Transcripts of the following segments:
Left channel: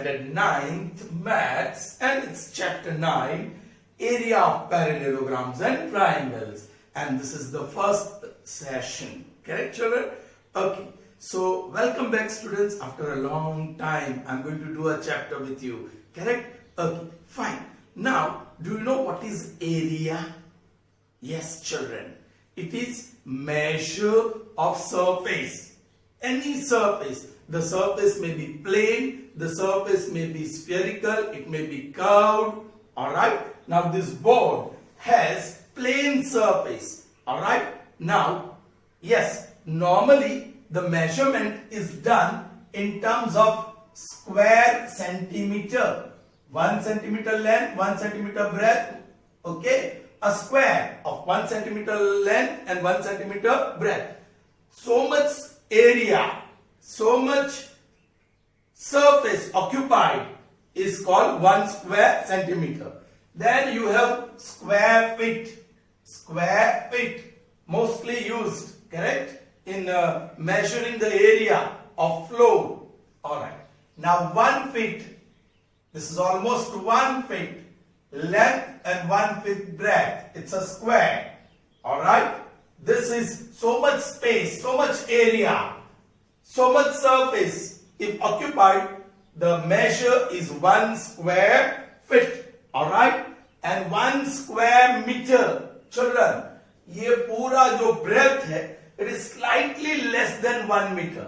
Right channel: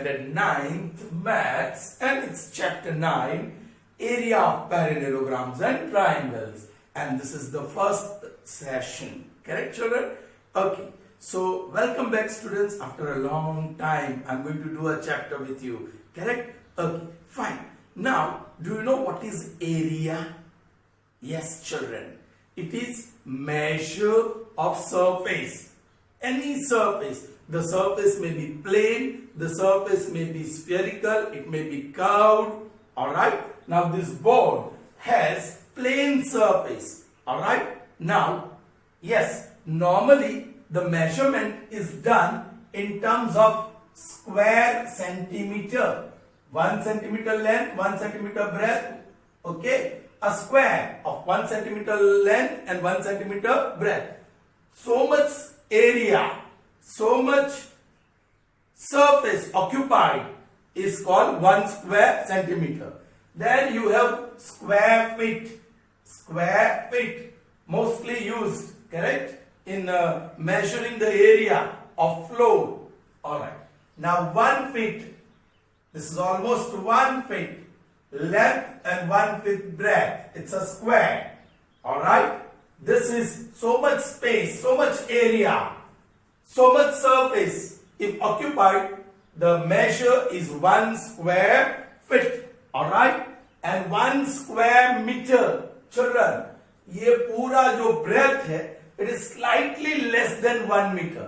standard 9th maths, and it's chapter 9, area of parallelograms and triangles, and this is the first session. Correct, children? Okay, so welcome back, students. After a long time I'm going to do a chapter with you. Correct? Okay, fine. Now, do you know what is area? Yes, children, it is measure of surface. Any surface. The surface may be plane, the surface may be spherical, it may be curved. Alright? Now this board has plane surface. Alright? Now, yes, normally the measurement is done in terms of square centimeter. 1 centimeter length, 1 centimeter breadth. Okay? A square of 1 centimeter length and 1 centimeter breadth. So much area, so much surface occupied is called 1 square centimeter. Then you have square feet. Square feet, mostly used, correct, in measuring the area of floor. Alright. Now 1 feet, this is almost 1 feet length and 1 feet breadth. It's a square. Alright. This is so much space, so much area, so much surface. If occupied, the measure is 1 square feet. Alright. And 1 square meter. Children, ये पूरा जो breadth है, it is slightly less than 1 meter.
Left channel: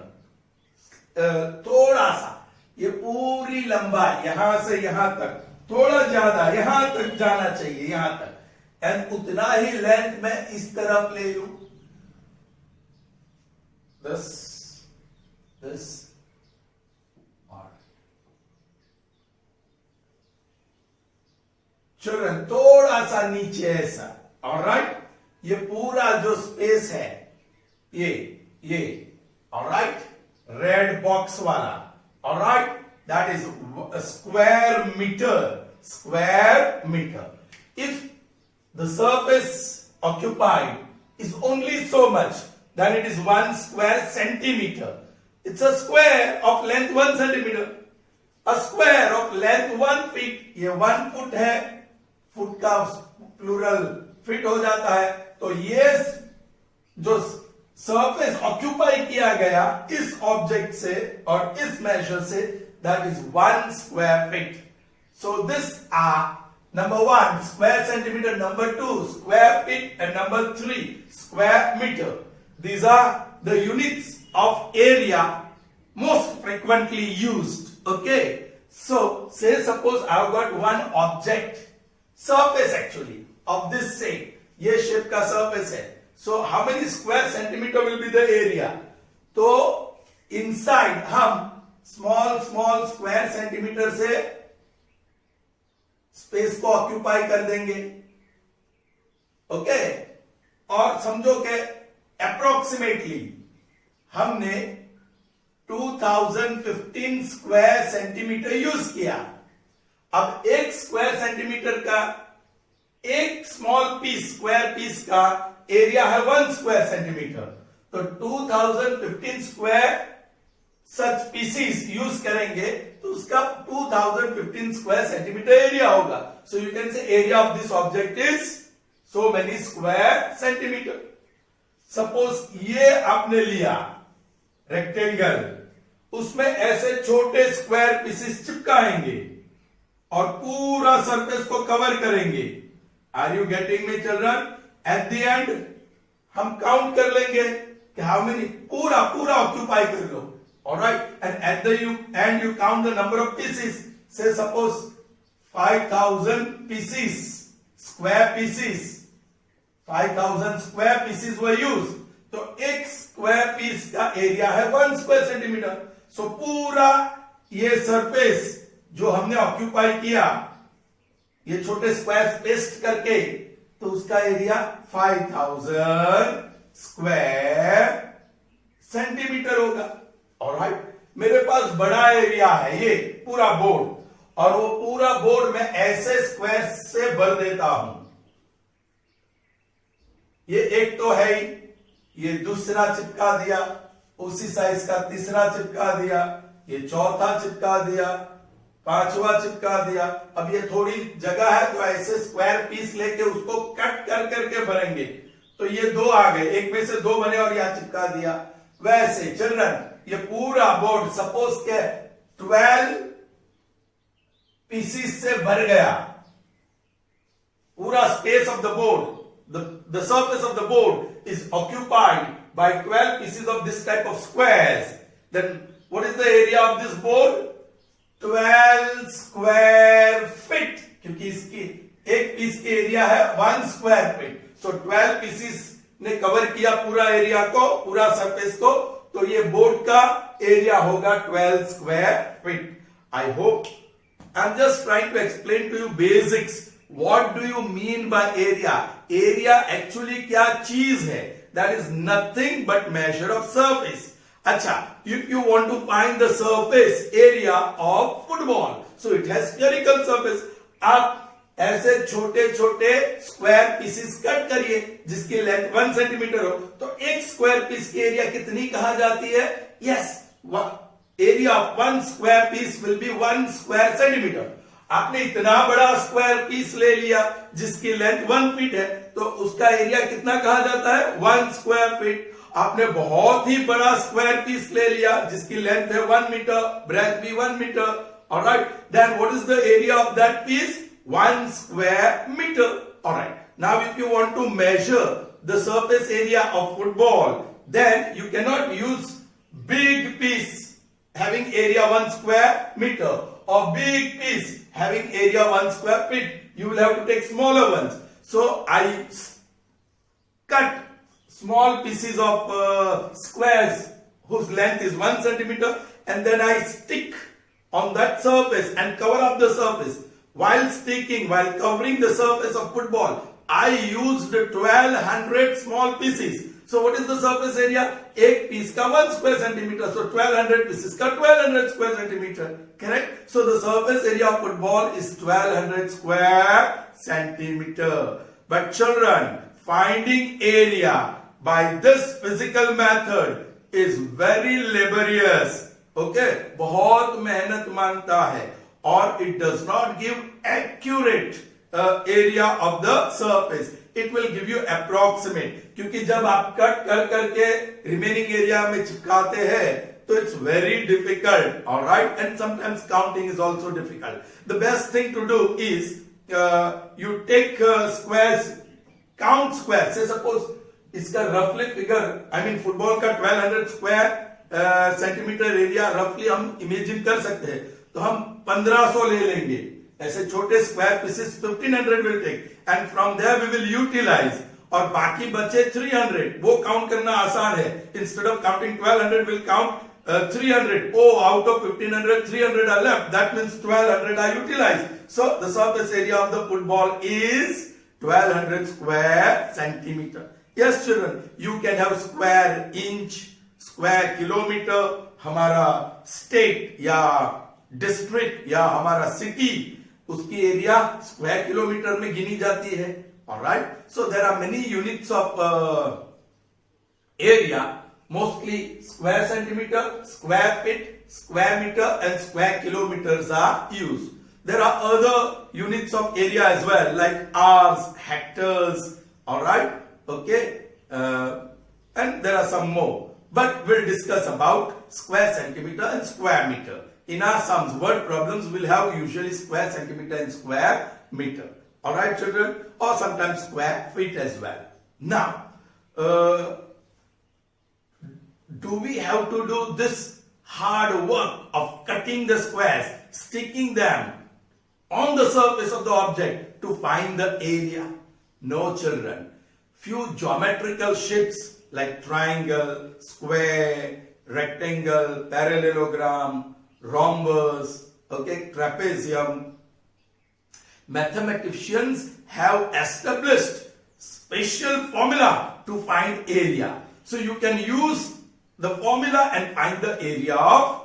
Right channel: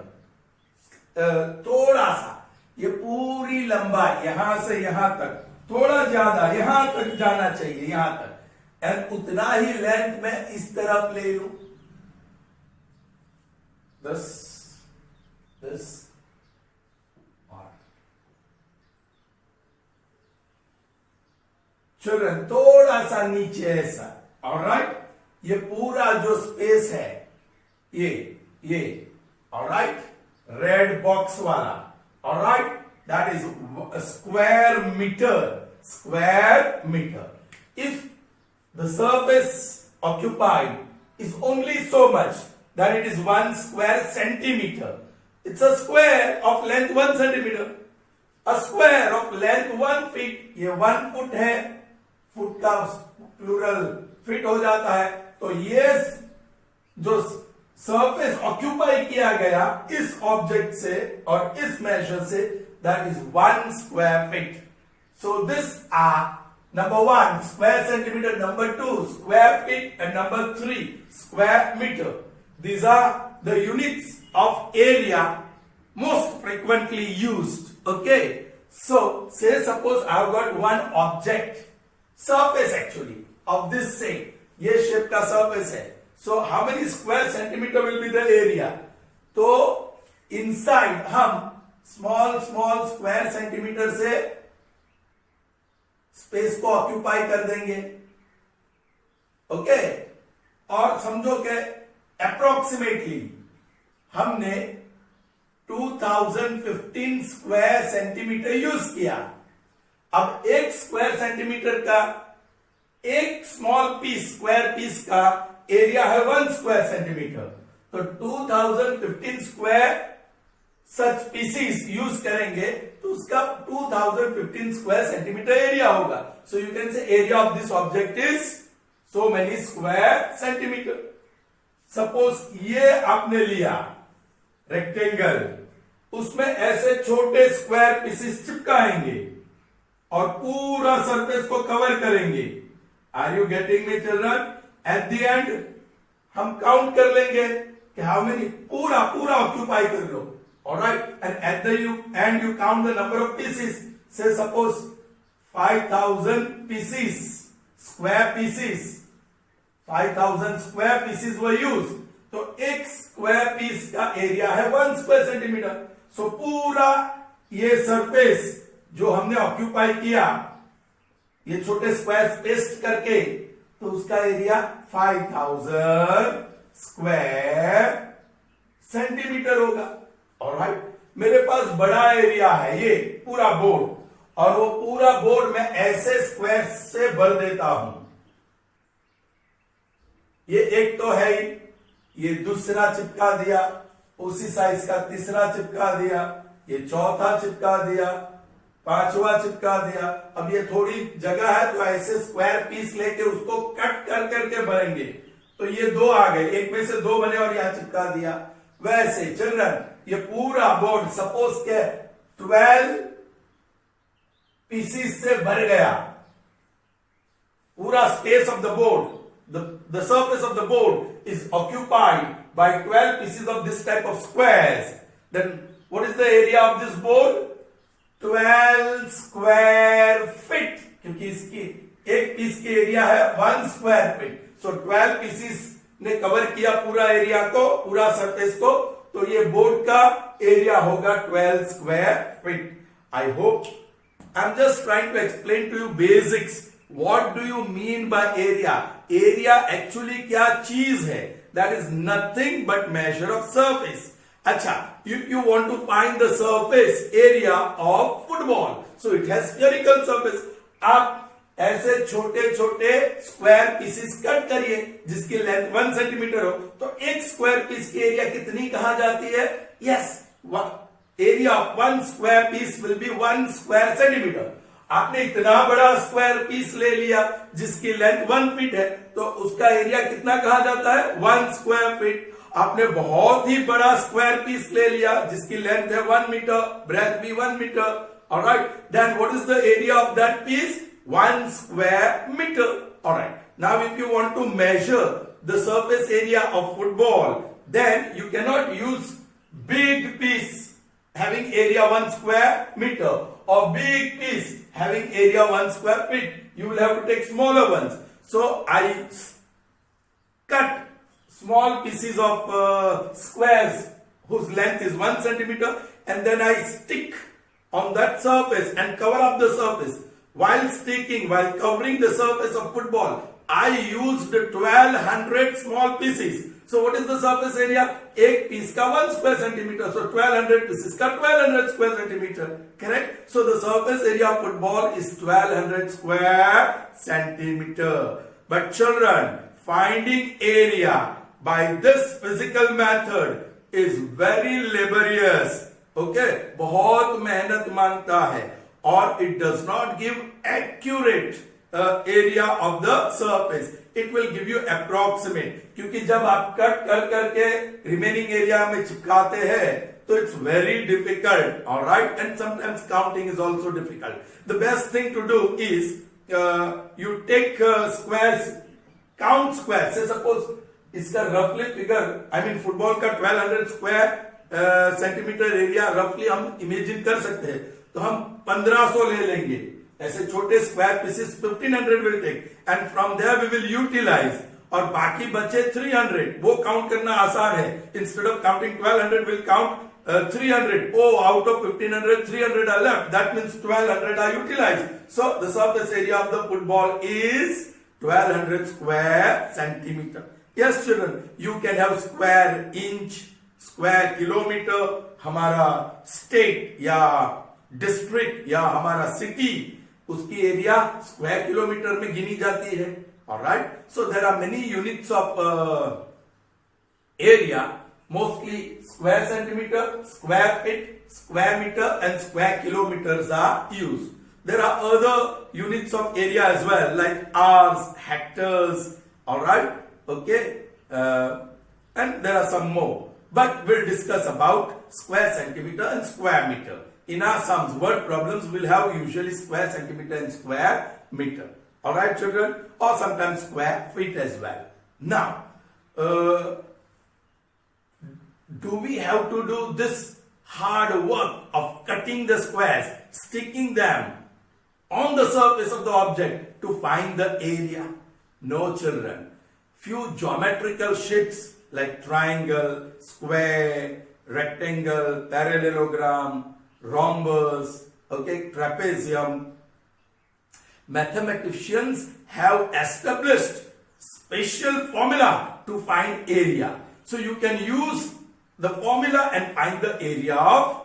थोड़ा सा, ये पूरी लंबाई यहाँ से यहाँ तक, थोड़ा ज्यादा यहाँ तक जाना चाहिए, यहाँ तक. एंड उतना ही लेंथ में इस तरफ ले लूं. this और children थोड़ा सा नीचे ऐसा. ऑलराइट, ये पूरा जो स्पेस है ये ऑलराइट, रेड बॉक्स वाला. Alright, that is square metre. If the surface occupied is only so much, then it is 1 square centimeter. It's a square of length 1 centimeter. A square of length 1 feet. ये 1 foot है, foot का plural fit हो जाता है. तो ये जो surface occupy किया गया इस ऑब्जेक्ट से और इस मेजर से, that is 1 square feet. So this are number 1 square centimeter, number 2 square feet, and number 3 square meter. These are the units of area most frequently used. Okay, so say suppose I have got one object, surface actually of this shape. ये shape का surface है. So how many square centimeter will be the area? तो inside हम small square centimeter से space को occupy कर देंगे. Okay, और समझो कि अप्रोक्सीमेटली हमने 2015 स्क्वायर सेंटीमीटर यूज किया. अब 1 स्क्वायर सेंटीमीटर का एक स्मॉल पीस, स्क्वायर पीस का एरिया है 1 स्क्वायर सेंटीमीटर. तो 2015 स्क्वायर सच पीसीस यूज करेंगे तो उसका 2015 स्क्वायर सेंटीमीटर एरिया होगा. So you can say area of this object is so many square centimetre. Suppose ये आपने लिया रेक्टेंगल, उसमें ऐसे छोटे स्क्वायर पीसेस चिपकाएंगे और पूरा सरफेस को कवर करेंगे. Are you getting me children? At the end हम काउंट कर लेंगे कि हाउ मेनी, पूरा ऑक्यूपाई कर लो. Alright, and at the end you count the number of pieces. Say suppose 5,000 pieces, square pieces. 5,000 square pieces were used. तो एक square piece का area है 1 स्क्वायर सेंटीमीटर. सो पूरा ये सरफेस जो हमने ऑक्यूपाई किया, ये छोटे स्क्वायर पेस्ट करके, तो उसका एरिया 5,000 स्क्वायर सेंटीमीटर होगा. ऑलराइट, मेरे पास बड़ा एरिया है ये पूरा बोर्ड, और वो पूरा बोर्ड मैं ऐसे स्क्वायर से भर देता हूं. ये एक तो है ही, ये दूसरा चिपका दिया, उसी साइज का तीसरा चिपका दिया, ये चौथा चिपका दिया, पांचवा चिपका दिया। अब ये थोड़ी जगह है तो ऐसे स्क्वायर पीस लेके उसको कट कर करके भरेंगे, तो ये दो आ गए, एक में से दो बने और यहां चिपका दिया। वैसे चिल्ड्रन ये पूरा बोर्ड सपोज के 12 पीसीस से भर गया, पूरा space of the board, the surface of the board is occupied by 12 pieces of this type of squares. Then what is the area of this board? 12 square feet, क्योंकि इसकी एक piece की area है 1 square feet. सो 12 pieces ने cover किया पूरा area को, पूरा सरफेस को, तो ये बोर्ड का एरिया होगा 12 square feet. I hope I am just trying to explain to you basics. What do you mean by area? Area actually क्या चीज है? That is nothing but measure of surface. अच्छा, if you want to find the surface area of football, so it has spherical surface. आप ऐसे छोटे छोटे square pieces cut करिए जिसकी लेंथ 1 सेंटीमीटर हो, तो एक स्क्वायर पीस की एरिया कितनी कहा जाती है? Yes, area of 1 square piece will be 1 square centimetre. आपने इतना बड़ा स्क्वायर पीस ले लिया जिसकी लेंथ 1 फीट है, तो उसका एरिया कितना कहा जाता है? 1 स्क्वायर फीट। आपने बहुत ही बड़ा स्क्वायर पीस ले लिया जिसकी लेंथ है 1 मीटर, ब्रेथ भी 1 metre, alright, then what is the area of that piece? 1 square metre, alright. Now if you want to measure the surface area of football, then you can not use big piece having area 1 square meter or big piece having area 1 square feet. You will have to take smaller ones. So I cut small pieces of squares whose length is 1 centimeter, and then I stick on that surface and cover up the surface. While covering the surface of football, I used 1200 small pieces. So what is the surface area? एक piece का 1 square centimeter. So 1200 pieces का 1200 square centimeter. Correct? So the surface area of football is 1200 square centimeter. But children, finding area by this physical method is very laborious. Okay? बहुत मेहनत मांगता है, और it does not give accurate area of the surface. It will give you approximate, क्योंकि जब आप cut कर करके रिमेनिंग एरिया में चिपकाते हैं तो it's very difficult, all right, and sometimes counting is also difficult. The best thing to do is you take squares, count squares. Say suppose इसका roughly figure, I mean football का 1200 square centimetre area रफली हम imagine कर सकते हैं, तो हम 1500 ले लेंगे। ऐसे छोटे square pieces 1500 will take, and from there we will utilise, और बाकी बचे 300, वो काउंट करना आसान है। Instead of counting 1200 will count 300. Oh, out of 1500, 300 are left. That means 1200 are utilized. So the surface area of the football is 1200 square centimeter. Yes, children, you can have square inch, square kilometer. हमारा state या district या हमारा city, उसकी area square kilometre में गिनी जाती है, alright. So there are many units of area, mostly square centimetre, square feet, square meter and square kilometers are used. There are other units of area as well, like hours, hectares, alright, okay, and there are some more. But we'll discuss about square centimeter and square meter. In our sums, word problems will have usually square centimeter and square meter. Alright children, or sometimes square feet as well. Now, do we have to do this hard work of cutting the squares, sticking them on the surface of the object to find the area? No children. Few geometrical shapes like triangle, square, rectangle, parallelogram, rhombus, okay, trapezium. Mathematicians have established special formula to find area. So you can use the formula and find the area of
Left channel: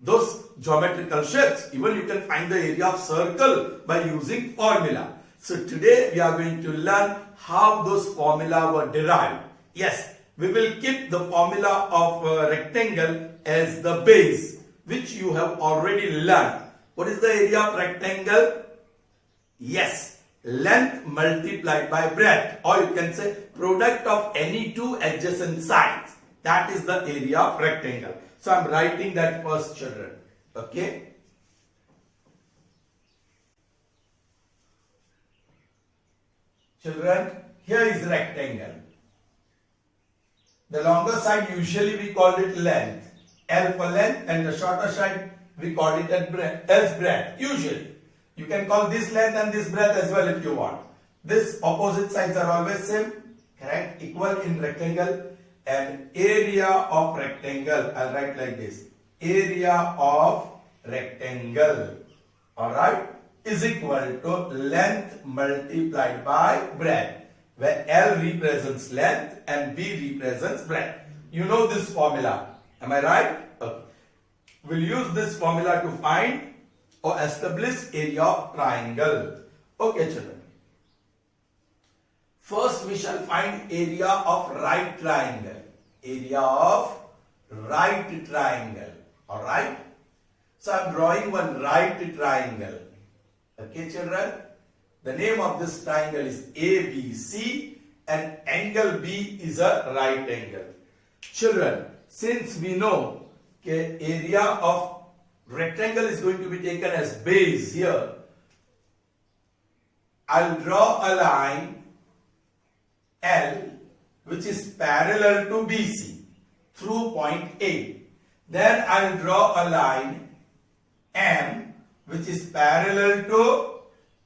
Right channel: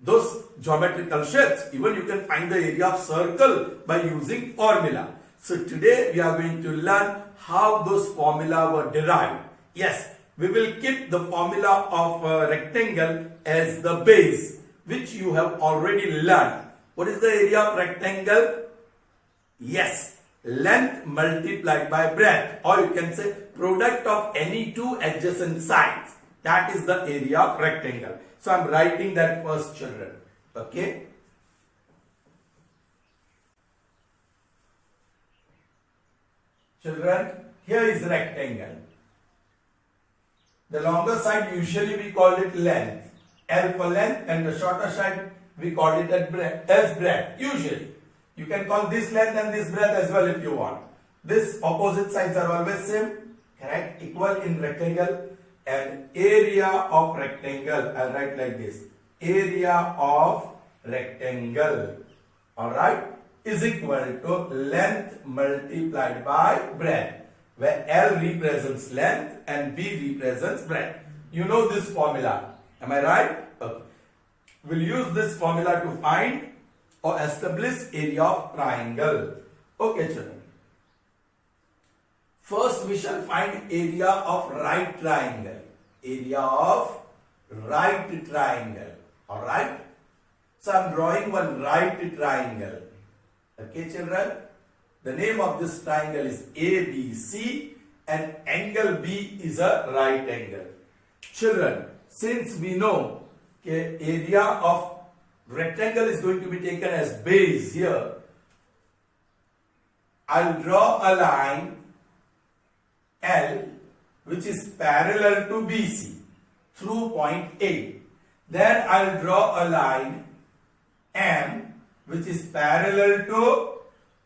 those geometrical shapes. Even you can find the area of circle by using formula. So today we are going to learn how those formula were derived. Yes, we will keep the formula of rectangle as the base, which you have already learned. What is the area of rectangle? Yes, length multiplied by breadth, or you can say product of any two adjacent sides. That is the area of rectangle. So I'm writing that first, children. Okay. Children, here is rectangle. The longer side usually we call it length, L for length, and the shorter side we call it as breadth. Usually, you can call this length and this breadth as well if you want. This opposite sides are always same, correct? Equal in rectangle, and area of rectangle, I'll write like this: area of rectangle, all right, is equal to length multiplied by breadth, where L represents length and B represents breadth. You know this formula, am I right? Okay. We'll use this formula to find or establish area of triangle. Okay, children. First, we shall find area of right triangle. Area of right triangle. All right. So I'm drawing one right triangle. Okay, children. The name of this triangle is ABC, and angle B is a right angle. Children, since we know area of rectangle is going to be taken as base here, I'll draw a line L which is parallel to BC through point A. Then I'll draw a line M which is parallel to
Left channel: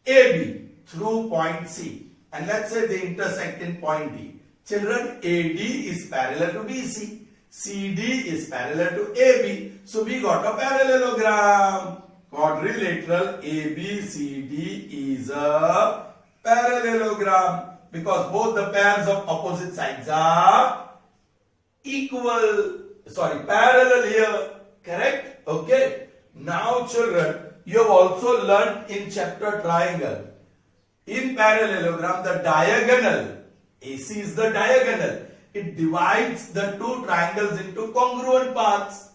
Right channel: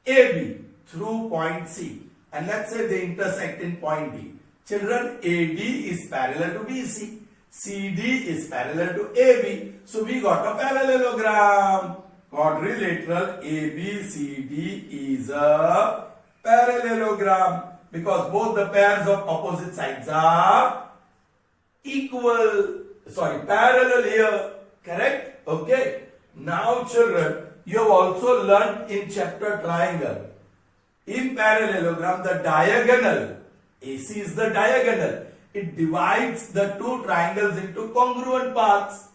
AB through point C. And let's say they intersect in point D. Children, AD is parallel to BC. CD is parallel to AB. So we got a parallelogram. Quadrilateral ABCD is a parallelogram because both the pairs of opposite sides are parallel here. Correct? Okay. Now, children, you have also learnt in chapter triangle. In parallelogram, the diagonal, AC is the diagonal. It divides the two triangles into congruent parts.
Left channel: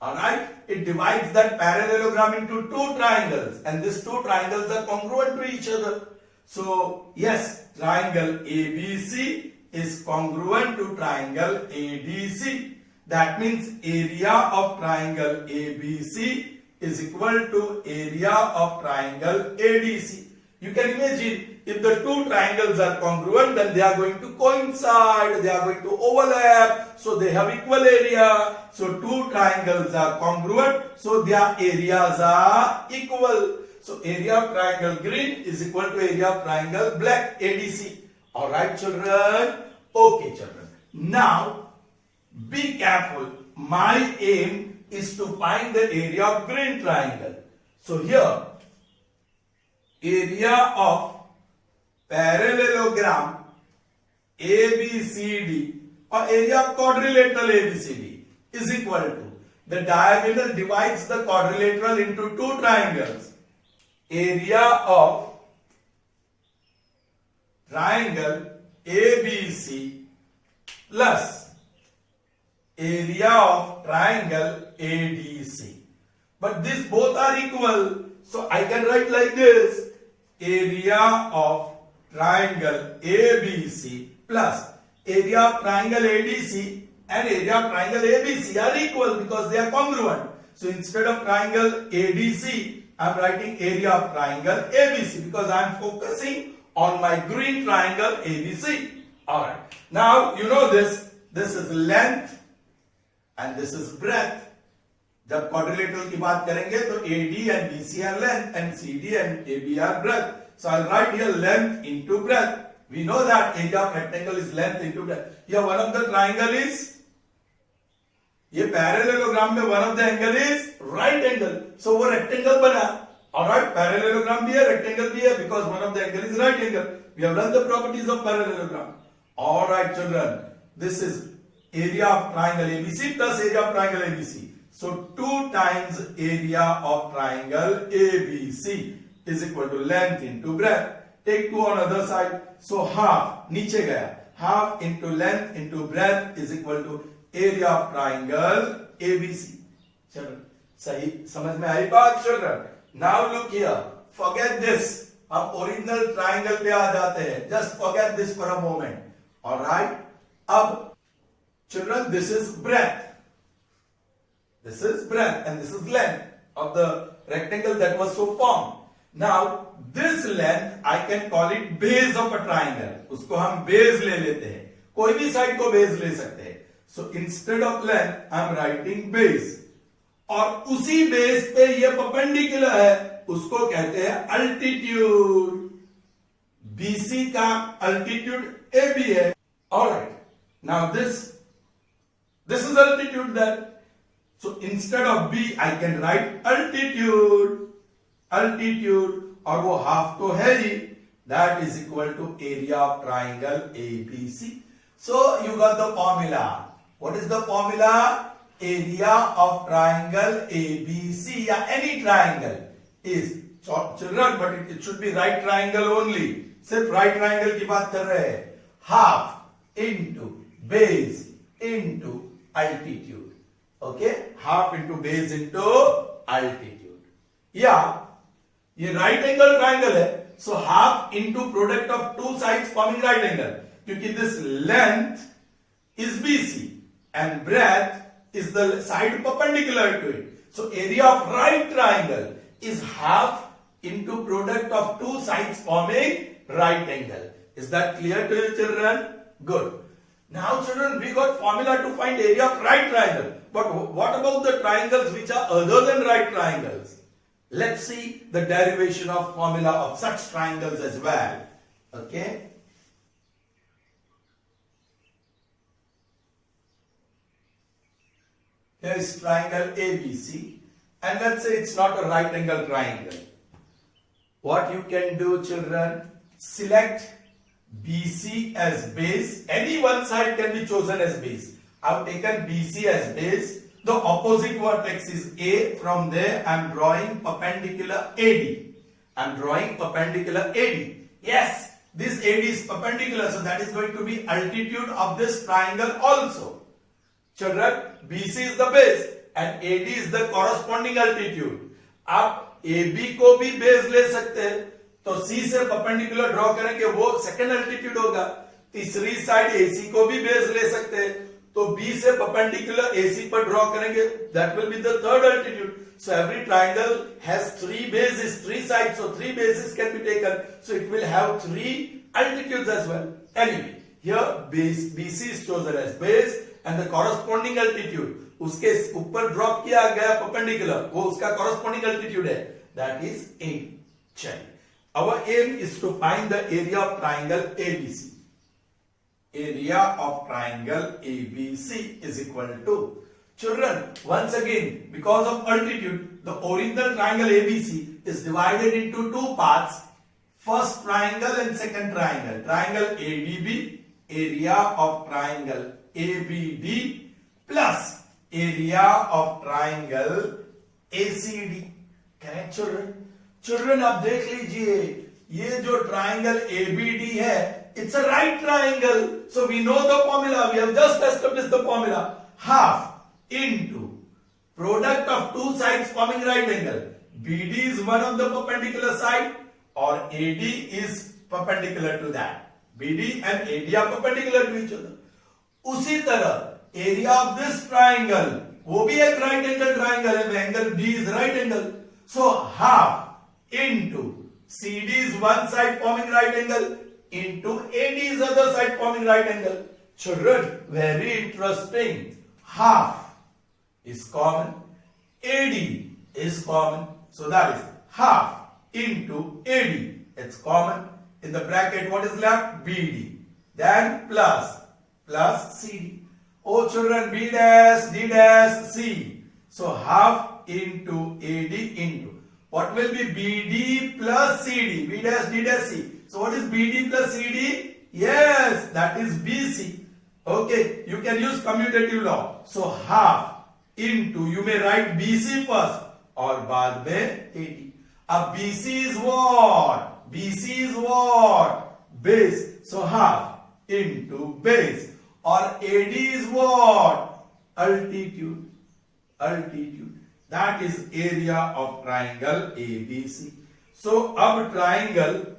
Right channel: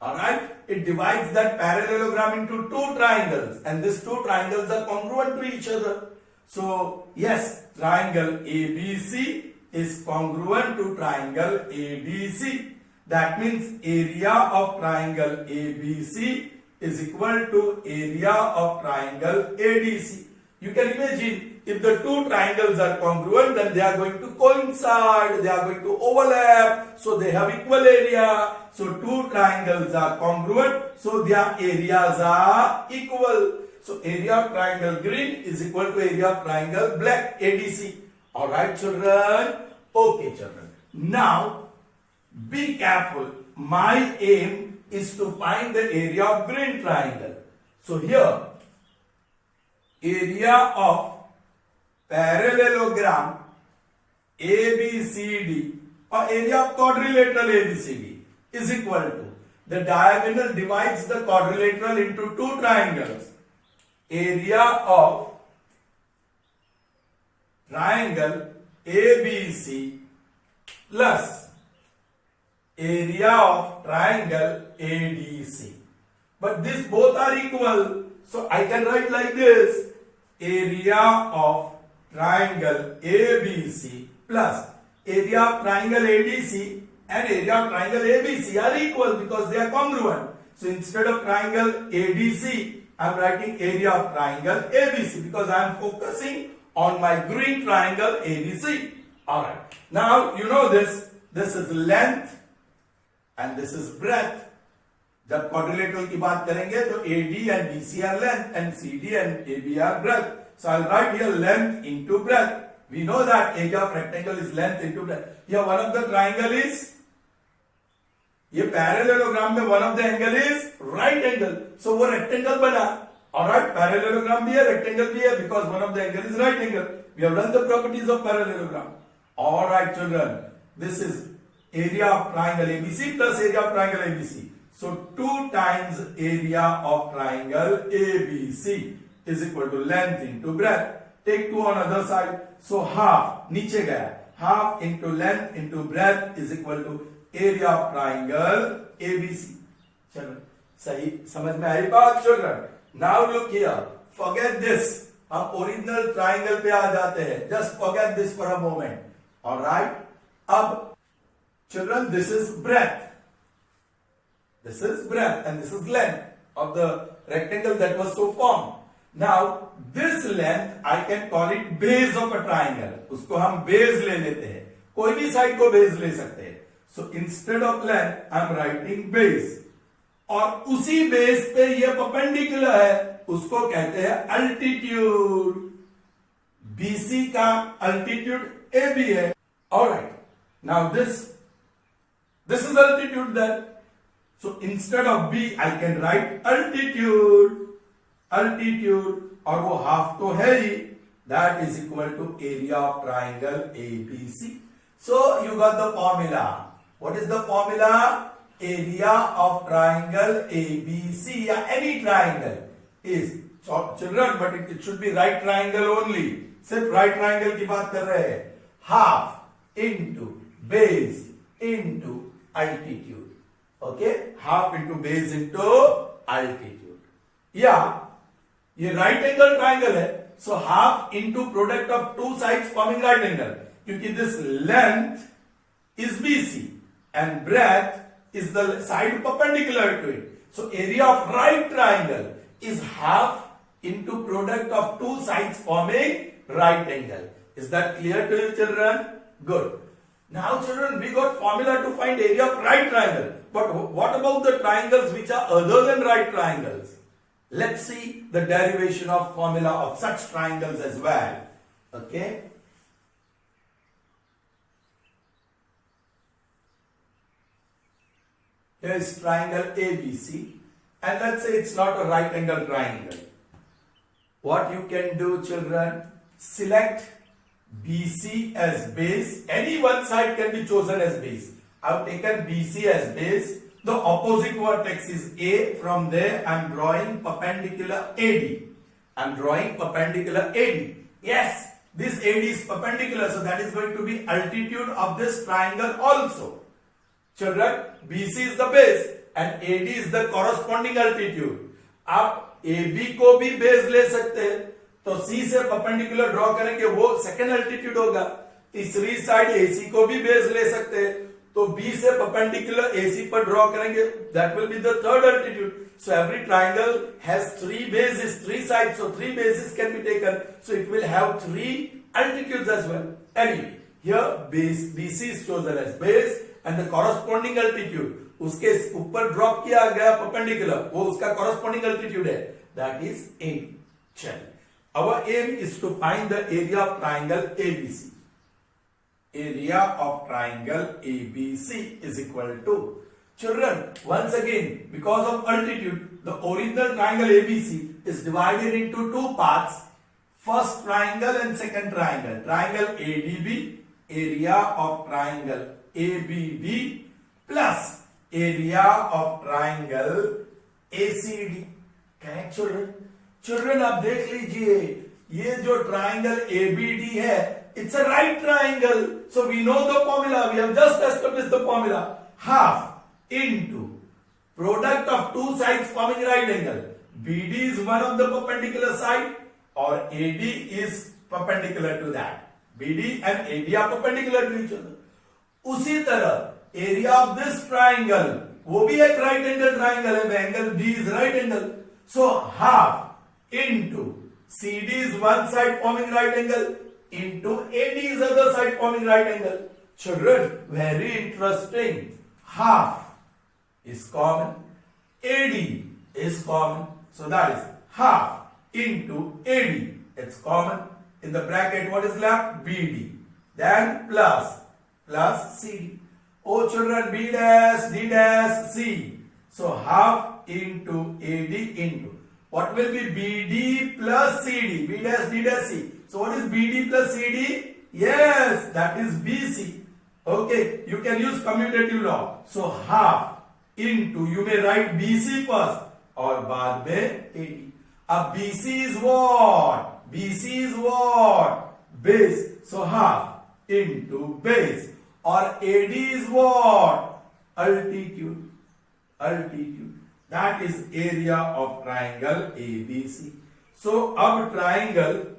Alright? It divides that parallelogram into two triangles. And these two triangles are congruent to each other. So, yes, triangle ABC is congruent to triangle ADC. That means area of triangle ABC is equal to area of triangle ADC. You can imagine if the two triangles are congruent, then they are going to coincide, they are going to overlap, so they have equal area. So two triangles are congruent, so their areas are equal. So area of triangle green is equal to area of triangle black, ADC. Alright, children? Okay, children. Now, be careful. My aim is to find the area of green triangle. So here, area of parallelogram ABCD or area of quadrilateral ABCD is equal to the diagonal divides the quadrilateral into two triangles. Area of triangle ABC plus area of triangle ADC. But these both are equal. So I can write like this: area of triangle ABC plus area of triangle ADC and area of triangle ABC are equal because they are congruent. So instead of triangle ADC, I am writing area of triangle ABC because I am focusing on my green triangle ABC. Alright. Now you know this. This is length and this is breadth. जब quadrilateral की बात करेंगे तो AD and BC are length and CD and AB are breadth. So I'll write here length into breadth. We know that area of rectangle is length into breadth. Here one of the triangle is, ये parallelogram में one of the angle is right angle. So वो rectangle बना. Alright, parallelogram भी है, rectangle भी है because one of the angle is right angle. We have learned the properties of parallelogram. Alright, children. This is area of triangle ABC plus area of triangle ABC. So 2 times area of triangle ABC is equal to length into breadth. Take 2 on other side. So half, नीचे गया. Half into length into breadth is equal to area of triangle ABC. चलो. सही समझ में आई बात children? Now look here, forget this, हम original triangle पे आ जाते हैं. Just forget this for a moment. Alright, अब children this is breadth. This is breadth and this is length of the rectangle that was so formed. Now this length I can call it base of a triangle. उसको हम base ले लेते हैं. कोई भी side को base ले सकते हैं. So instead of length I am writing base. और उसी base पे ये perpendicular है, उसको कहते हैं altitude. BC का altitude AB है. Alright. Now this is altitude there. So instead of B, I can write altitude. Altitude, और वो half तो है ही. That is equal to area of triangle ABC. So you got the formula. What is the formula? Area of triangle ABC या any triangle is, children, but it should be right triangle only. सिर्फ right triangle की बात कर रहे हैं. Half into base into altitude. Okay, half into base into altitude. Yeah, ये right angle triangle है, so half into product of two sides forming right angle. क्योंकि this length is BC and breadth is the side perpendicular to it. So area of right triangle is half into product of two sides forming right angle. Is that clear to you, children? Good. Now children, we got formula to find area of right triangle. But what about the triangles which are other than right triangles? Let's see the derivation of formula of such triangles as well. Okay. Here is triangle ABC, and let's say it's not a right angle triangle. What you can do, children, select BC as base. Any one side can be chosen as base. I've taken BC as base. The opposite vertex is A. From there, I'm drawing perpendicular AD. I'm drawing perpendicular AD. Yes, this AD is perpendicular, so that is going to be altitude of this triangle also. Children, BC is the base and AD is the corresponding altitude. आप AB को भी base ले सकते हैं, तो C से perpendicular draw करेंगे, वो second altitude होगा. तीसरी साइड AC को भी base ले सकते हैं, तो B से perpendicular AC पर draw करेंगे, that will be the third altitude. So every triangle has three bases, three sides, so three bases can be taken. So it will have three altitudes as well. Anyway, here base BC is chosen as base and the corresponding altitude उसके ऊपर drop किया गया perpendicular, वो उसका corresponding altitude है, that is A. चलिए, our aim is to find the area of triangle ABC. Area of triangle ABC is equal to, children, once again, because of altitude, the original triangle ABC is divided into two parts. First triangle and second triangle. Triangle ADB, area of triangle ABD plus area of triangle ACD. Correct, children? Children, अब देख लीजिए, ये जो triangle ABD है, it's a right triangle. So we know the formula. We have just established the formula. Half into product of two sides forming right angle. BD is one of the perpendicular side or AD is perpendicular to that. BD and AD are perpendicular to each other. उसी तरह area of this triangle, वो भी एक right angle triangle है, angle D is right angle. So half into CD is one side forming right angle into AD is other side forming right angle. Children, very interesting. Half is common, AD is common, so that is half into AD. It's common. In the bracket, what is left? BD. Then plus CD. Oh children, B dash, D dash, C. So half into AD into. What will be BD plus CD? B dash, D dash, C. So what is BD plus CD? Yes, that is BC. Okay, you can use commutative law. So half into, you may write BC first और बाद में AD. अब BC is what? BC is what? Base. So half into base. Or AD is what? Altitude. Altitude. That is area of triangle ABC. So अब triangle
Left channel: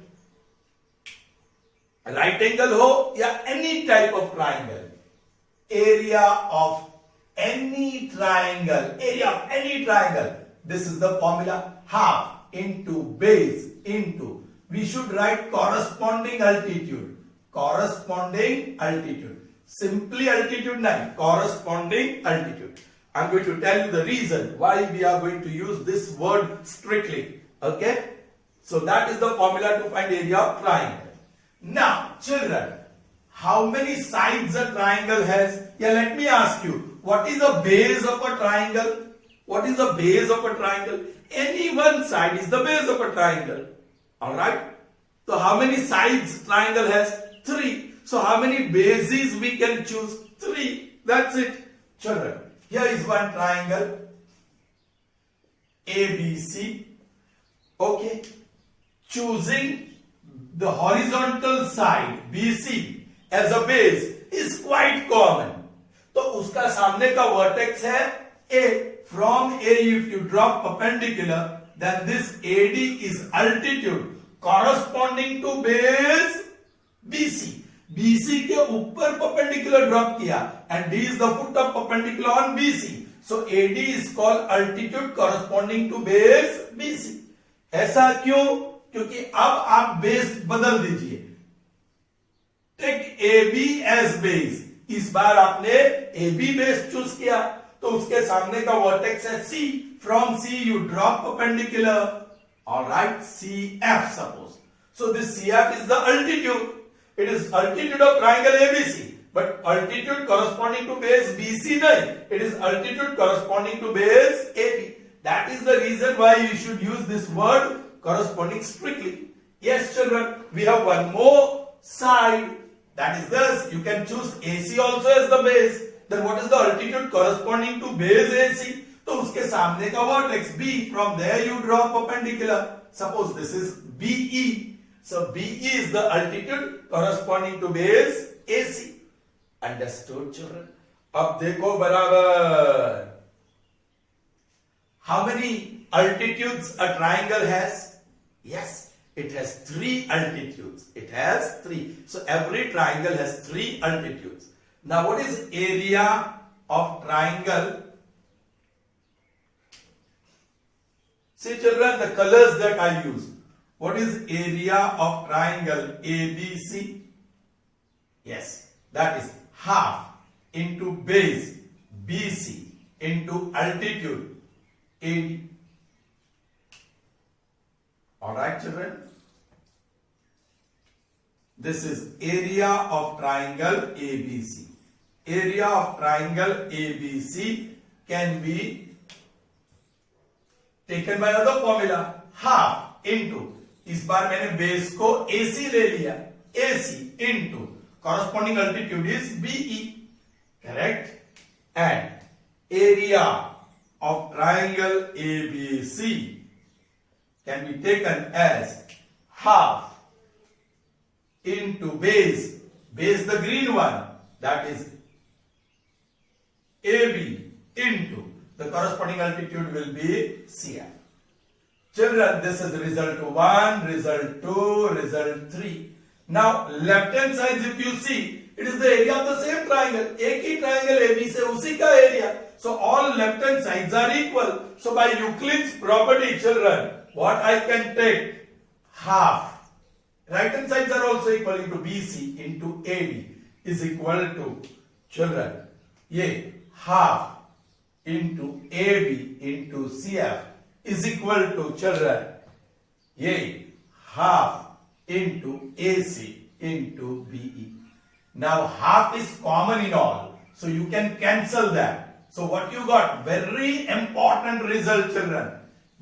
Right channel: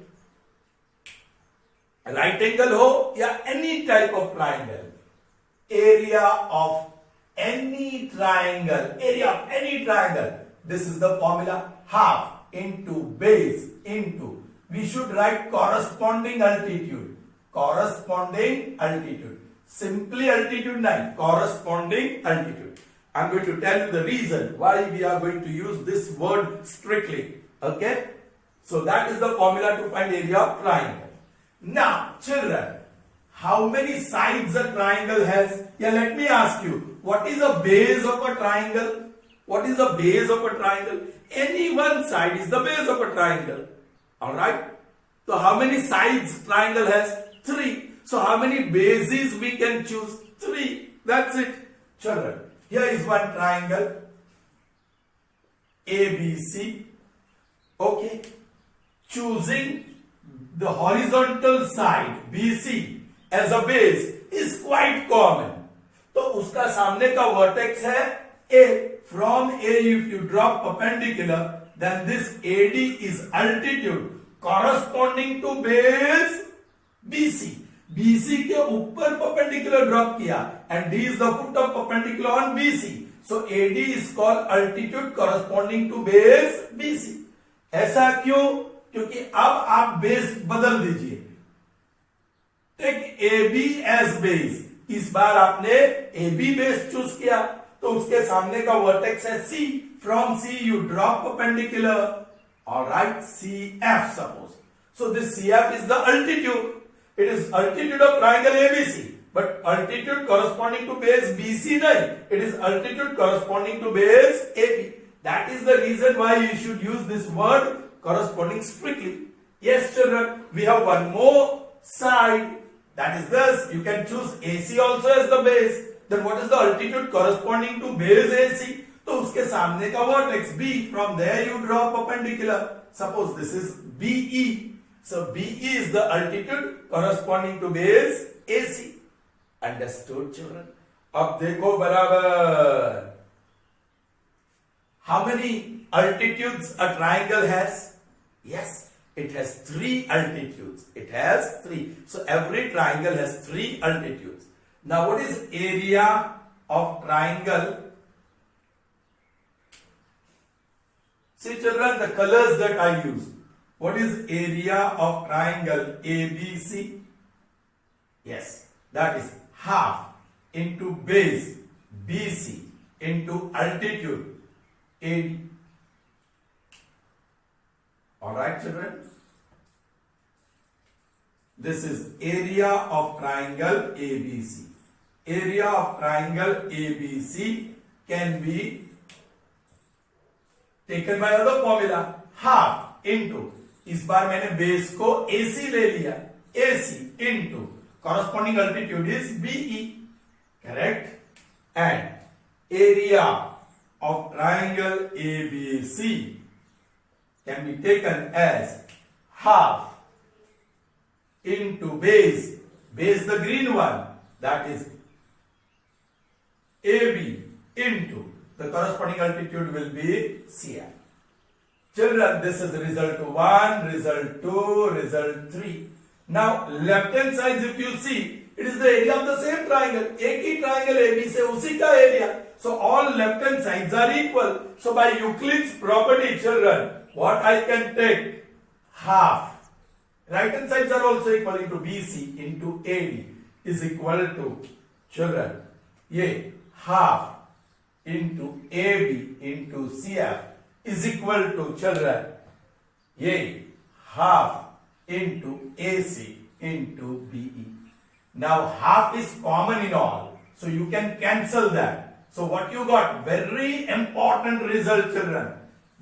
right angle हो या any type of triangle, area of any triangle, this is the formula, half into base into, we should write corresponding altitude, simply altitude nahi, corresponding altitude. I'm going to tell you the reason why we are going to use this word strictly. Okay, so that is the formula to find area of triangle. Now children, how many sides a triangle has? Yeah, let me ask you, what is the base of a triangle? What is the base of a triangle? Any one side is the base of a triangle. Alright? So how many sides triangle has? 3. So how many bases we can choose? 3. That's it. Children, here is one triangle ABC. Okay. Choosing the horizontal side BC as a base is quite common. तो उसका सामने का vertex है A. From A, if you drop perpendicular, then this AD is altitude corresponding to base BC. BC के ऊपर perpendicular drop किया, and D is the foot of perpendicular on BC. So AD is called altitude corresponding to base BC. ऐसा क्यों? क्योंकि अब आप base बदल दीजिए. Take AB as base. इस बार आपने AB बेस चूज किया, तो उसके सामने का वर्टेक्स है C. From C you drop perpendicular. Alright, CF suppose. So this CF is the altitude. It is altitude of triangle ABC. But altitude corresponding to base BC nahi. It is altitude corresponding to base AB. That is the reason why you should use this word corresponding strictly. Yes children, we have one more side. That is this. You can choose AC also as the base. Then what is the altitude corresponding to base AC? तो उसके सामने का vertex B. From there you draw perpendicular. Suppose this is BE. So BE is the altitude corresponding to base AC. Understood children? अब देखो बराबर. How many altitudes a triangle has? Yes, it has 3 altitudes. It has 3. So every triangle has 3 altitudes. Now what is area of triangle? See children, the colors that I use. What is area of triangle ABC? Yes, that is half into base BC into altitude AD. Alright children? This is area of triangle ABC. Area of triangle ABC can be taken by another formula, half into, इस बार मैंने base को AC ले लिया, AC into corresponding altitude is BE, correct? And area of triangle ABC can be taken as half into base the green one, that is AB into the corresponding altitude will be CF. Children, this is result 1, result 2, result 3. Now left hand sides if you see, it is the area of the same triangle. एक ही triangle AB से उसी का area. So all left hand sides are equal. So by Euclid's property children, what I can take? Half. Right hand sides are also equal into BC into AD is equal to children. ये half into AB into CF is equal to children. ये half into AC into BE. Now half is common in all. So you can cancel that. So what you got? Very important result children.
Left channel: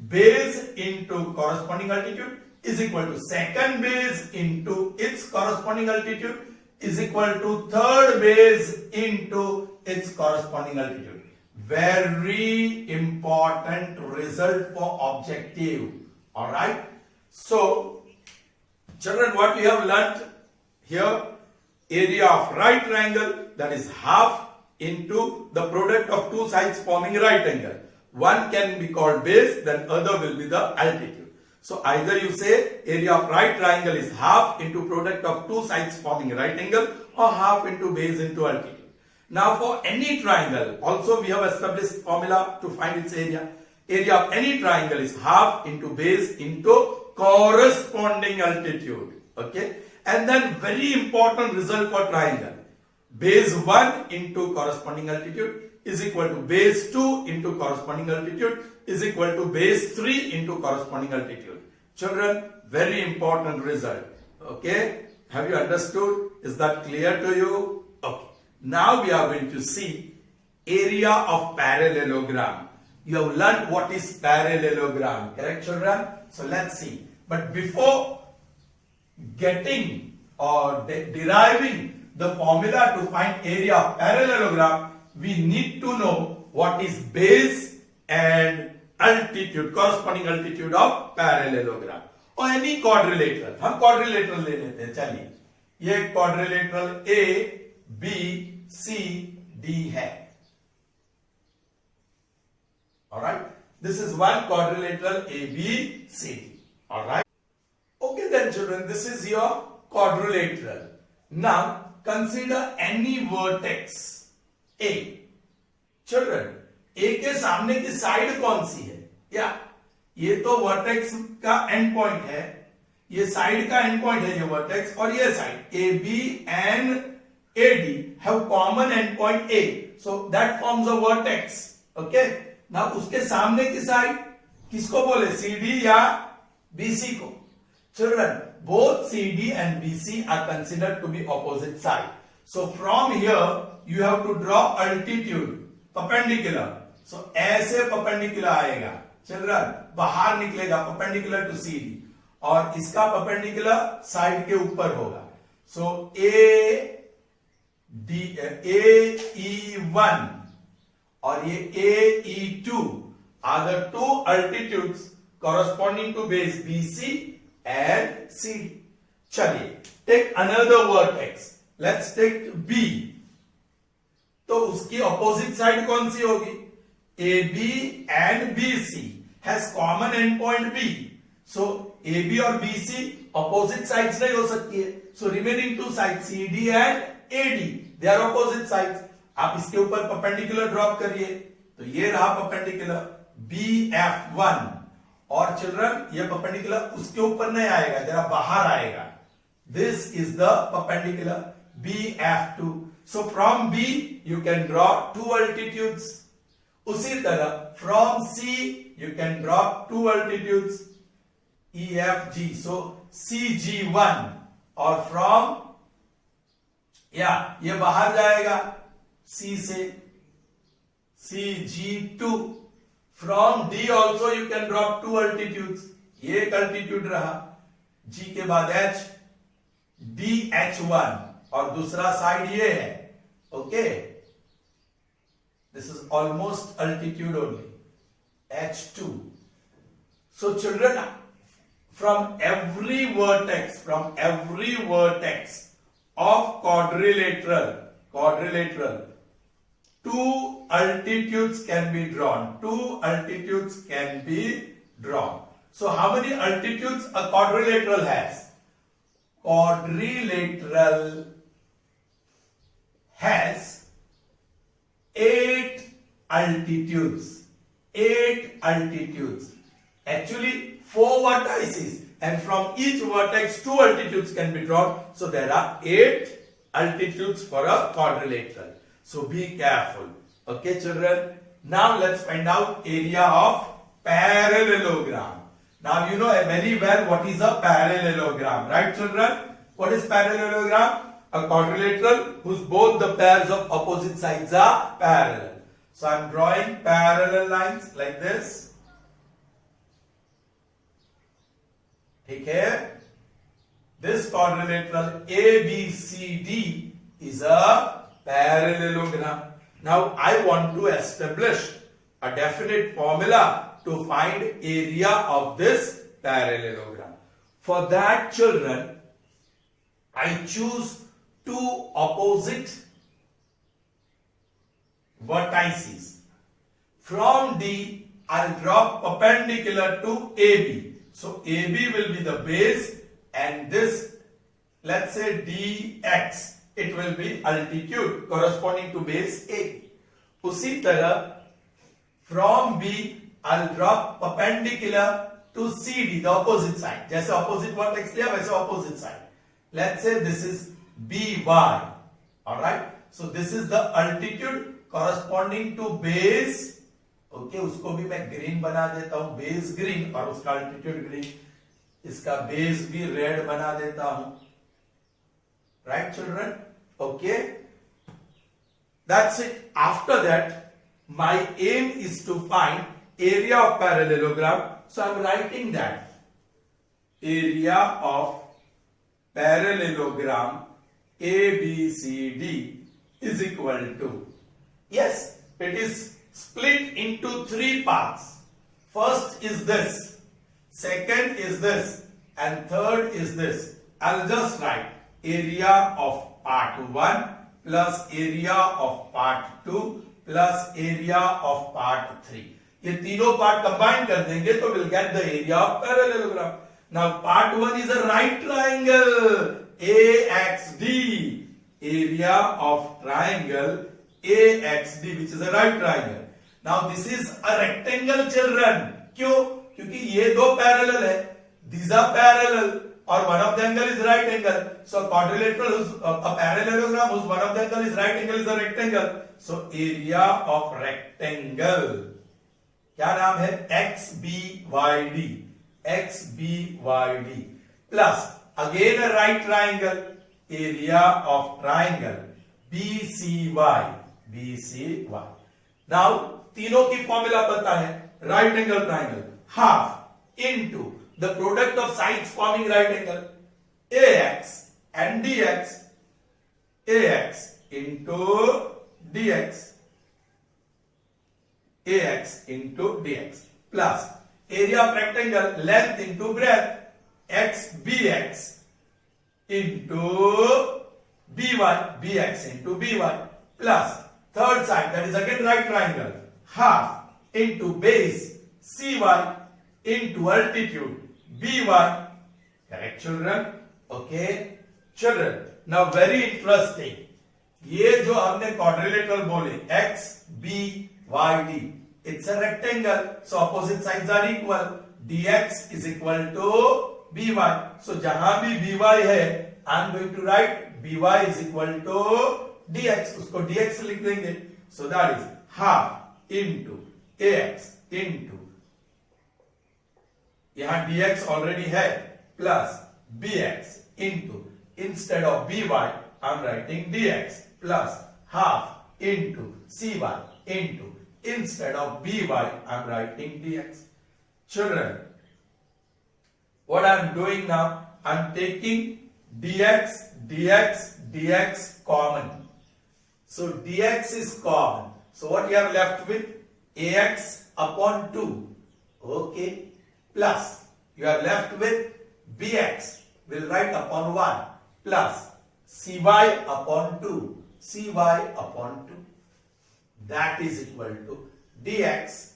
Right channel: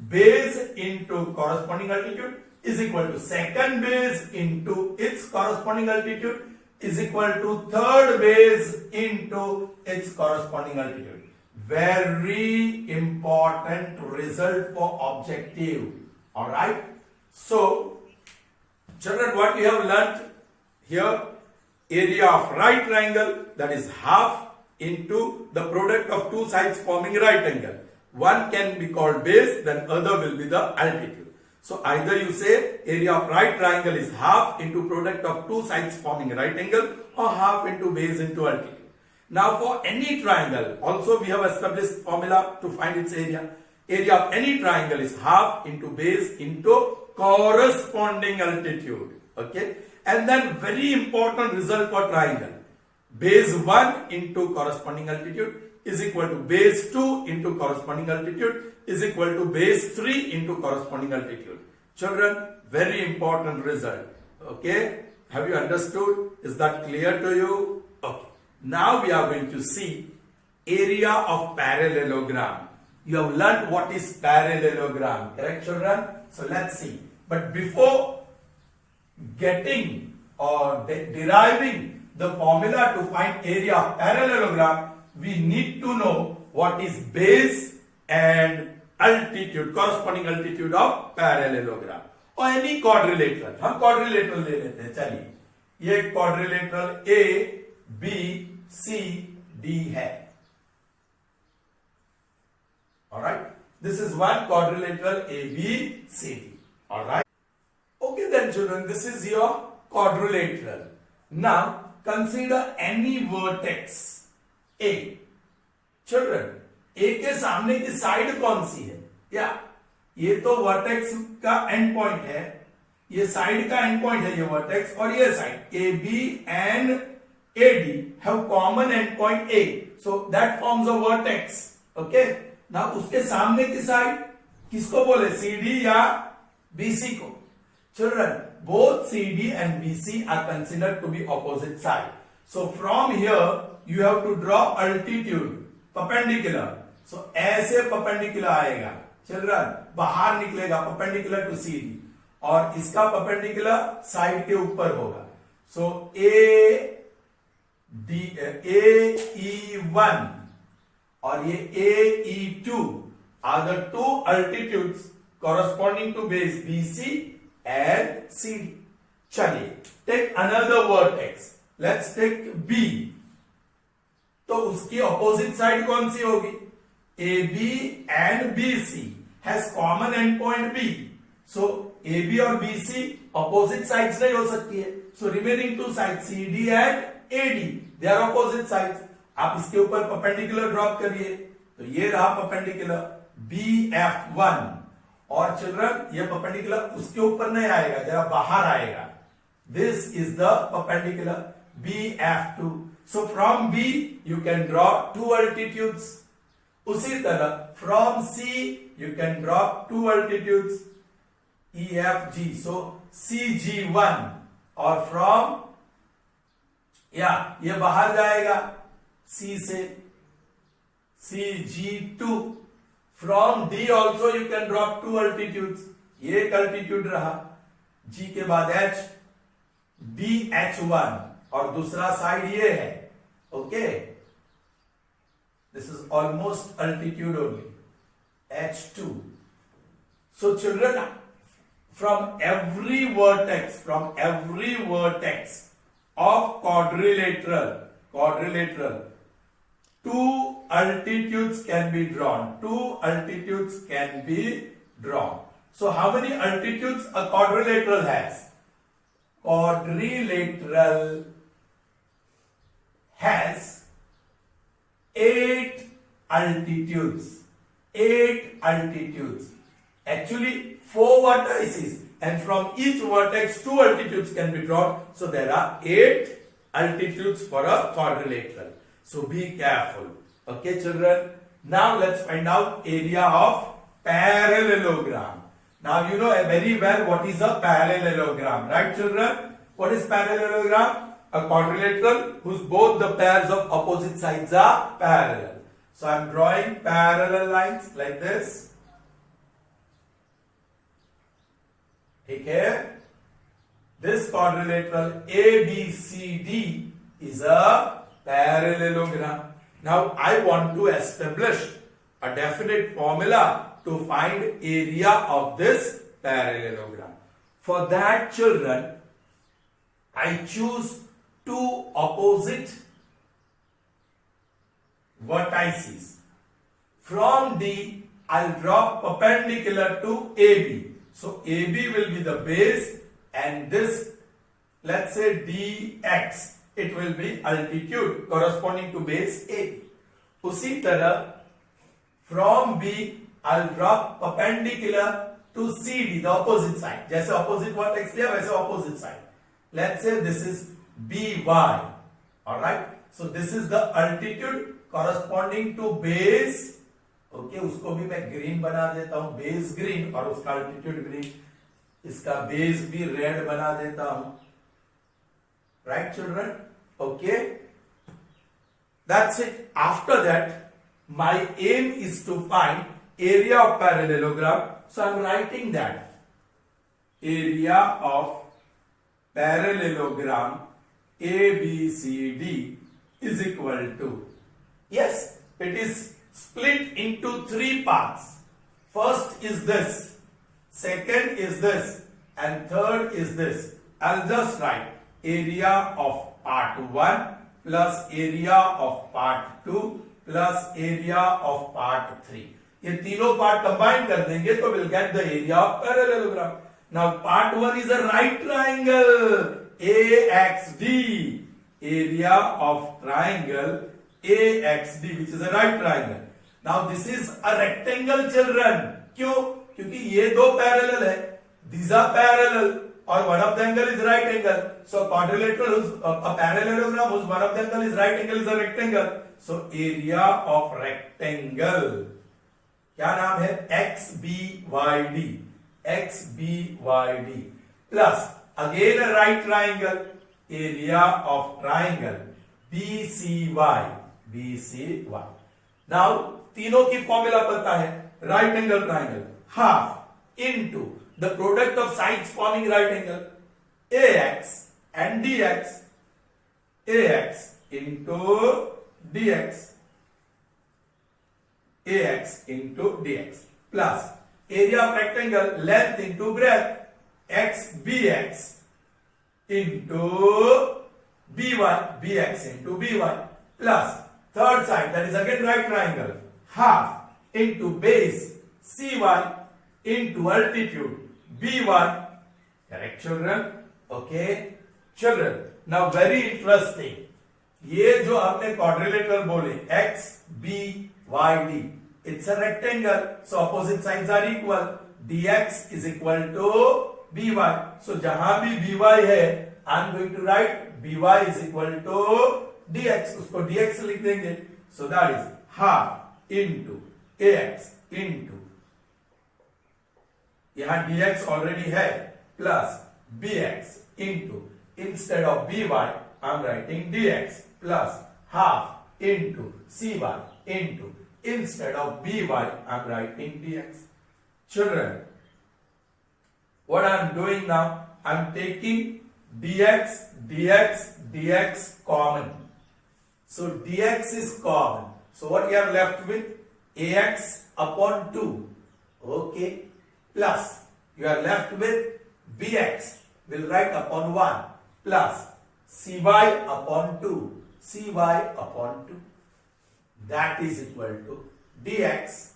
Base into corresponding altitude is equal to second base into its corresponding altitude is equal to third base into its corresponding altitude. Very important result for objective. Alright. So, children, what we have learnt here, area of right triangle, that is half into the product of two sides forming right angle. one can be called base, then other will be the altitude. So either you say area of right triangle is half into product of two sides forming right angle, or half into base into altitude. Now for any triangle, also we have established formula to find its area. Area of any triangle is half into base into corresponding altitude. Okay. And then very important result for triangle. Base 1 into corresponding altitude is equal to base 2 into corresponding altitude is equal to base 3 into corresponding altitude. Children, very important result. Okay. Have you understood? Is that clear to you? Okay. Now we are going to see area of parallelogram. You have learned what is parallelogram, correct children? So let's see. But before getting or deriving the formula to find area of parallelogram, we need to know what is base and altitude, corresponding altitude of parallelogram. और any quadrilateral, हम quadrilateral ले लेते हैं. चलिए, ये quadrilateral A, B, C, D है. Alright, this is one quadrilateral A, B, C, D. Alright. Okay then children, this is your quadrilateral. Now consider any vertex A. Children, A के सामने की साइड कौन सी है? या ये तो वर्टेक्स का एंड पॉइंट है, ये साइड का एंड पॉइंट है, ये वर्टेक्स, और ये side A B and A D have common end point A, so that forms a vertex. Okay. Now उसके सामने की साइड किसको बोले? सी डी या बीसी को. Children, both CD and BC are considered to be opposite side. So from here you have to draw altitude perpendicular. So ऐसे perpendicular आएगा. Children, बाहर निकलेगा perpendicular to CD और इसका perpendicular साइड के ऊपर होगा. So AE1 और ये AE2 are the two altitudes corresponding to base BC and CD. चलिए, take another vertex. Let's take B. तो उसकी opposite side कौन सी होगी? AB and BC has common endpoint B. So AB और BC opposite sides नहीं हो सकती है. So remaining two sides CD and AD, they are opposite sides. आप इसके ऊपर perpendicular drop करिए. तो ये रहा perpendicular BF1. और चिल्ड्रन, ये परपेंडिकुलर उसके ऊपर नहीं आएगा, जरा बाहर आएगा. This is the perpendicular BF2. So from B you can draw two altitudes. उसी तरह from C you can draw two altitudes EFG. So CG1 और फ्रॉम ये बाहर जाएगा C से CG2. From D also you can drop two altitudes. ये एक altitude रहा, G के बाद H, DH1 और दूसरा साइड ये है. Okay, this is almost altitude only, H2. So children, from every vertex of quadrilateral, two altitudes can be drawn. So how many altitudes a quadrilateral has? Quadrilateral has 8 altitudes. Actually 4 vertices, and from each vertex 2 altitudes can be drawn. So there are 8 altitudes for a quadrilateral. So be careful. Okay children. Now let's find out area of parallelogram. Now you know very well what is a parallelogram, right children? What is parallelogram? A quadrilateral whose both the pairs of opposite sides are parallel. So I am drawing parallel lines like this. Okay. This quadrilateral ABCD is a parallelogram. Now I want to establish a definite formula to find area of this parallelogram. For that children, I choose two opposite vertices. From D I'll draw perpendicular to AB. So AB will be the base and this, let's say dx, it will be altitude corresponding to base A. उसी तरह from B I'll draw perpendicular to CD, the opposite side. जैसे opposite vertex लिया वैसे opposite side. Let's say this is BY. Alright. So this is the altitude corresponding to base. Okay, उसको भी मैं green बना देता हूं, base green, और उसका altitude green. इसका base भी red बना देता हूं. Right, children? Okay. That's it. After that, my aim is to find area of parallelogram. So I'm writing that area of parallelogram ABCD is equal to, yes, it is split into three parts. First is this, second is this, and third is this. I'll just write area of part 1 plus area of part 2 plus area of part 3. ये तीनों part combine कर देंगे तो we'll get the area of parallelogram. Now part 1 is a right triangle AXD. Area of triangle AXD, which is a right triangle. Now this is a rectangle, children. क्यों? क्योंकि ये दो parallel है. These are parallel और one of the angle is right angle. So quadrilateral whose a parallelogram whose one of the angle is right angle is a rectangle. So area of rectangle क्या नाम है? XBYD. XBYD plus again a right triangle, area of triangle BCY. BCY. Now तीनों की formula पता है, right angle triangle half into the product of sides forming right angle AX and DX. AX into DX. AX into DX plus area of rectangle length into breadth XBX into BY. BX into BY plus third side, that is again right triangle, half into base CY into altitude BY. Correct, children? Okay, children. Now very interesting. ये जो हमने quadrilateral बोले XBYD, it's a rectangle, so opposite sides are equal. DX is equal to BY. So जहां भी BY है, I'm going to write BY is equal to DX. उसको DX लिख देंगे. So that is half into AX into, यहाँ DX already है, plus BX into, instead of BY I'm writing DX plus half into CY into, instead of BY I'm writing DX. Children, what I'm doing now, I'm taking DX, DX, DX common. So DX is common. So what you are left with? AX upon 2. Okay. Plus you are left with BX. We'll write upon 1. Plus CY upon 2. CY upon 2. That is equal to DX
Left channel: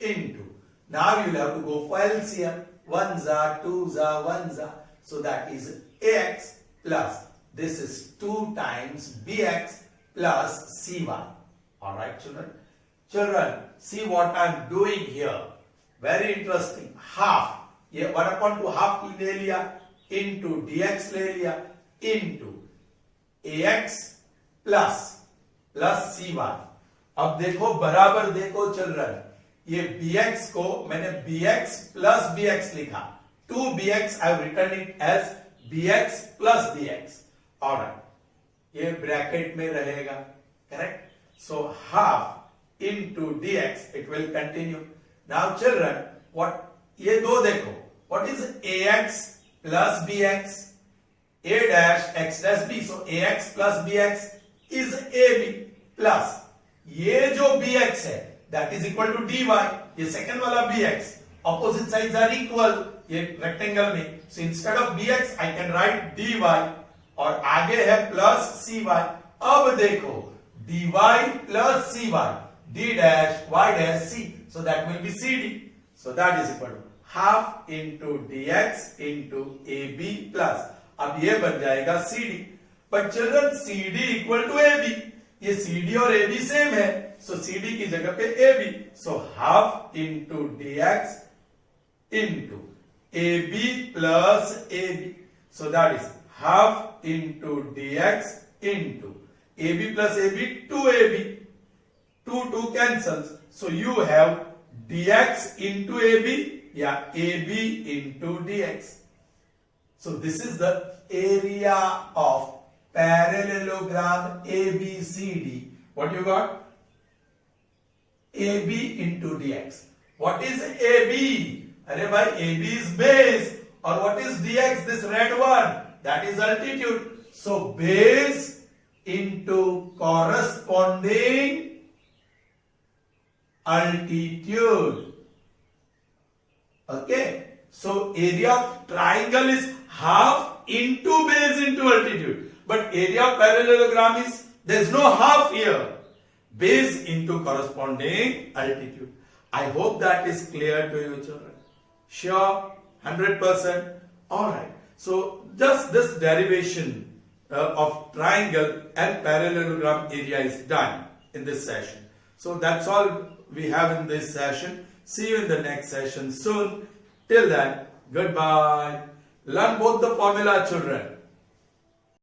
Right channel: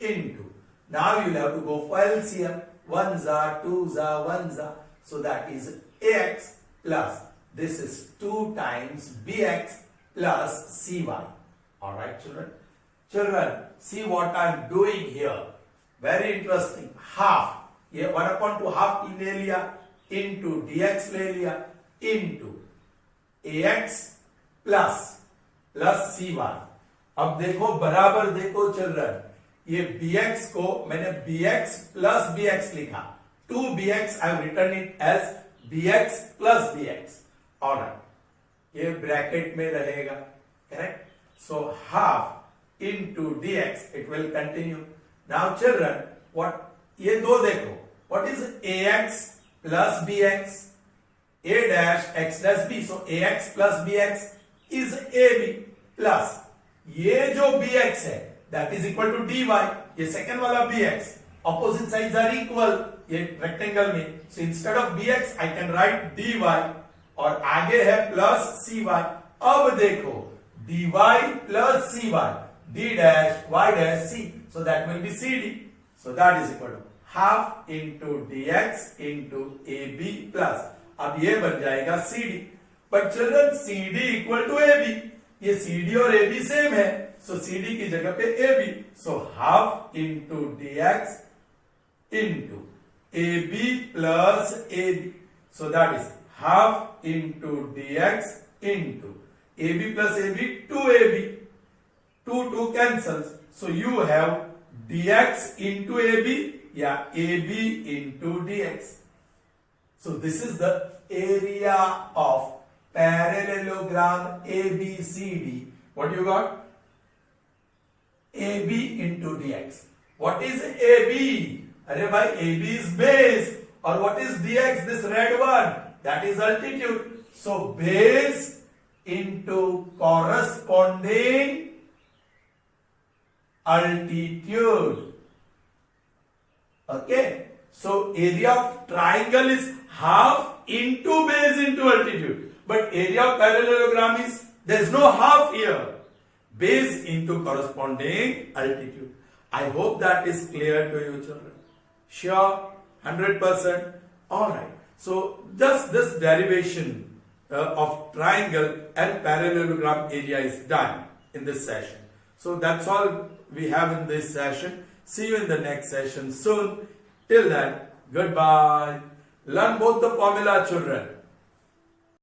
into. Now you will have to go for LCM. 1s are, 2s are, 1s are. So that is AX plus this is 2 times BX plus CY. Alright, children. Children, see what I am doing here. Very interesting. Half. ये 1 upon 2 half ले लिया into DX ले लिया into AX plus CY. अब देखो बराबर देखो children, ये BX को मैंने BX plus BX लिखा. 2BX I have written it as BX plus BX. Alright. ये ब्रैकेट में रहेगा. Correct? So half into DX, it will continue. Now children, what ये दो देखो, what is AX plus BX? A dash X dash B. So AX plus BX is AB plus ये जो BX है that is equal to DY. ये second वाला BX, opposite sides are equal ये rectangle में. So instead of BX I can write DY और आगे है plus CY. अब देखो dy plus cy, d dash y dash c. So that will be CD. So that is equal to half into dx into AB plus. अब ये बन जाएगा CD. But children, CD equal to AB. ये CD और AB same है. So CD की जगह पे AB. So half into dx into AB plus AB. So that is half into dx into AB plus AB, 2AB. 2 cancels. So you have dx into AB, yeah, AB into dx. So this is the area of parallelogram ABCD. What you got? AB into dx. What is AB? Arey bhai, AB is base. Or what is dx? This red one. That is altitude. So base into corresponding altitude. Okay. So area of triangle is half into base into altitude. But area of parallelogram is, there is no half here. Base into corresponding altitude. I hope that is clear to you, children. Sure? 100%? Alright. So just this derivation of triangle and parallelogram area is done in this session. So that's all we have in this session. See you in the next session soon. Till then, goodbye. Learn both the formula, children.